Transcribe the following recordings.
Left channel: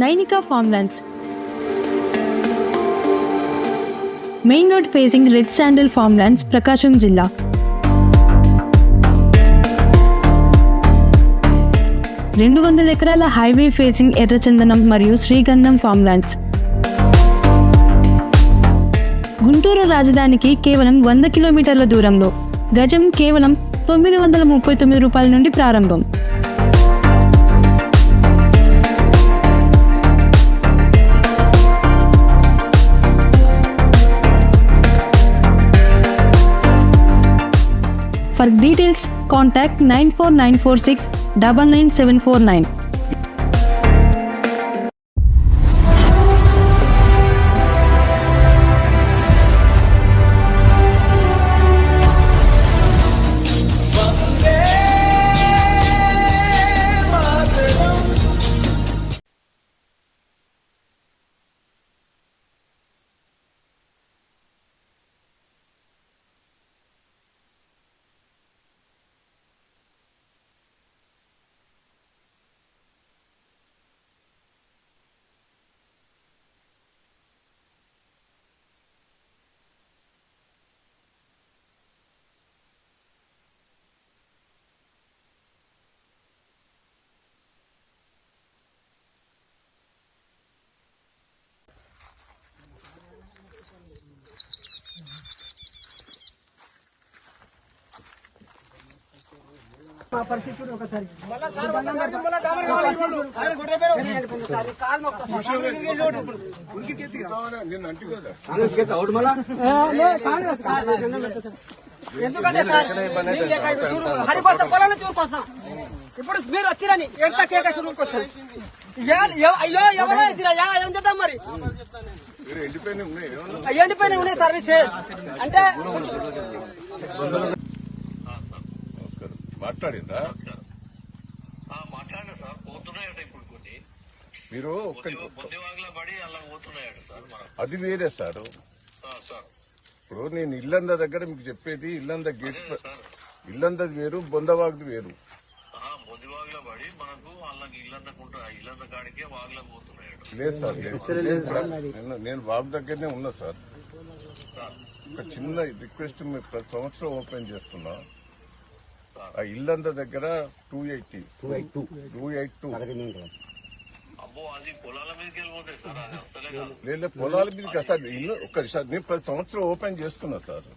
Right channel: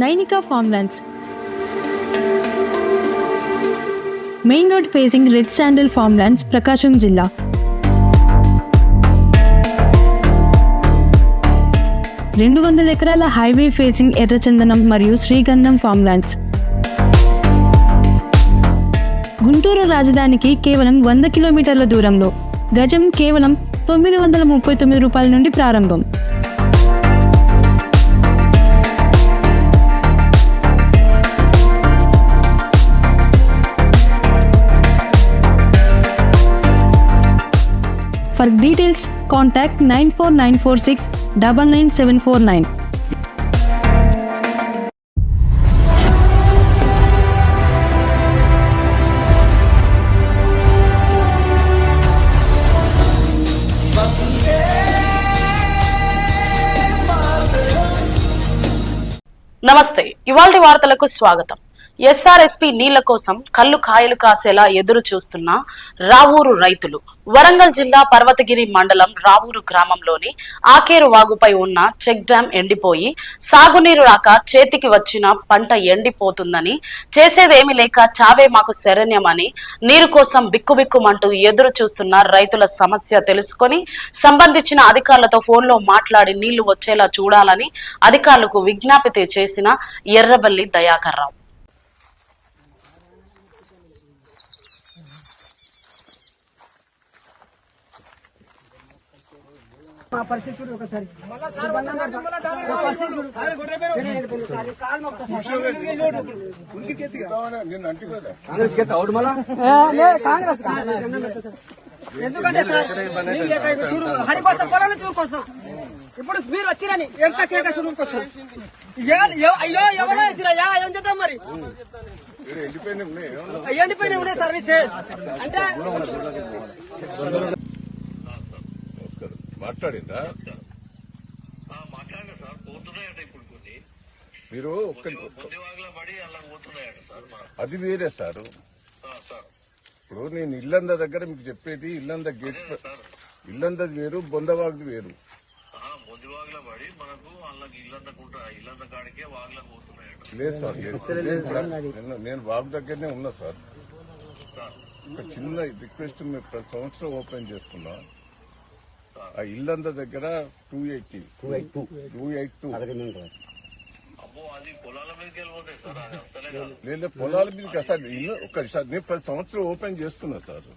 Nainika farmlands. Main road facing red sandal farmlands Prakasam జిల్లా. రెండు వందల ఎకరాల హైవే ఫేసింగ్ ఎర్రచందనం మరియు శ్రీగంధం ఫార్మ్లాండ్స్. గుంటూరు రాజధానికి కేవలం వంద కిలోమీటర్ల దూరంలో. గజం కేవలం తొమ్మిది వందల ముప్పై తొమ్మిది రూపాయల నుండి ప్రారంభం. For details contact nine four nine four six double nine seven four nine. నమస్తే ఇవాళ వార్తలకు స్వాగతం. ఎస్ఆర్ఎస్పి నీళ్ళ కోసం కళ్ళు కాయలు కాసేలా ఎదురు చూస్తున్న రావూరు రైతులు. వరంగల్ జిల్లా పర్వతగిరి మండలం రావూరు గ్రామంలోని ఆకేరు వాగుపై ఉన్న చెక్ డ్యాం ఎండిపోయి సాగునీరు రాక చేతికి వచ్చిన పంట ఎండిపోతుందని చేసేదేమీ లేక చావే మాకు శరణ్యమని నీరు కోసం బిక్కుబిక్కుమంటూ ఎదురు చూస్తున్న రైతుల సమస్య తెలుసుకొని సంబంధించిన అధికారులతో ఫోన్లో మాట్లాడి నీళ్ళు వచ్చేలా చూడాలని అధికారులకు విజ్ఞాపిత చేసిన ఎర్రబల్లి దయాకర్రావు మా పరిస్థితి చూడు ఒకసారి. Sir. Sir. Congress sir. Sir. ఎందుకంటే సార్ చూడు హరికోసం చూడుకోసం ఇప్పుడు మీరు వచ్చిరని ఎంత కేక చూడుకోసం అయ్యో ఎవరో వేసిరయ్యా ఏం చేద్దాం మరి? ఎండిపోయిన ఉన్నాయి సర్వీస్ అంటే మాట్లాడిందా? మాట్లాడండి సార్. పోతున్నాయట ఇప్పుడు కొన్ని. మీరు అది వేరే సార్. ఆ, సార్. ఇప్పుడు నేను ఇల్లంద దగ్గర మీకు చెప్పేది ఇల్లంద గేట్ ఇల్లందది వేరు బొందవాగుది వేరు. లేదు సార్ లేదు. నేను సార్, నేను- నేను వాగు దగ్గరనే ఉన్నా సార్. ఒక చిన్న రిక్వెస్ట్ మీరు ప్రతి సంవత్సరం ఓపెన్ చేస్తున్నా. ఆ ఇల్లంద దగ్గర two eighty two eight two two eight two పొలాల మీదకి సార్ లేదా పొలాల మీదకి అసలు ఇల్లు ఒక్క సార్ నేను ప్రతి సంవత్సరం ఓపెన్ చేస్తున్నా సార్.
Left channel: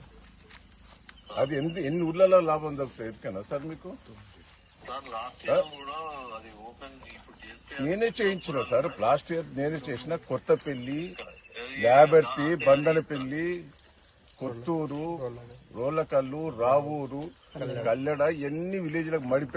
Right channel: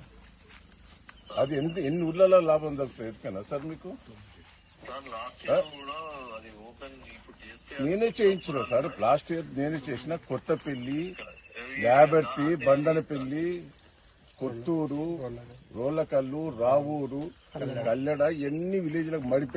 అది ఎన్ని ఎన్ని ఊర్లలో లాభం దొరుకుతుంది ఎదుకనా సార్ మీకు? సార్ లాస్ట్ ఇయర్ కూడా అది ఓపెన్ ఇప్పుడు చేస్తే నేనే చేయించిన సార్. లాస్ట్ ఇయర్ నేనే చేసిన కొత్తపల్లి యాబర్తి బందనపల్లి కొత్తూరు రోలకల్లు రావూరు కల్లెడ ఎన్ని విలేజ్లకు మడిపి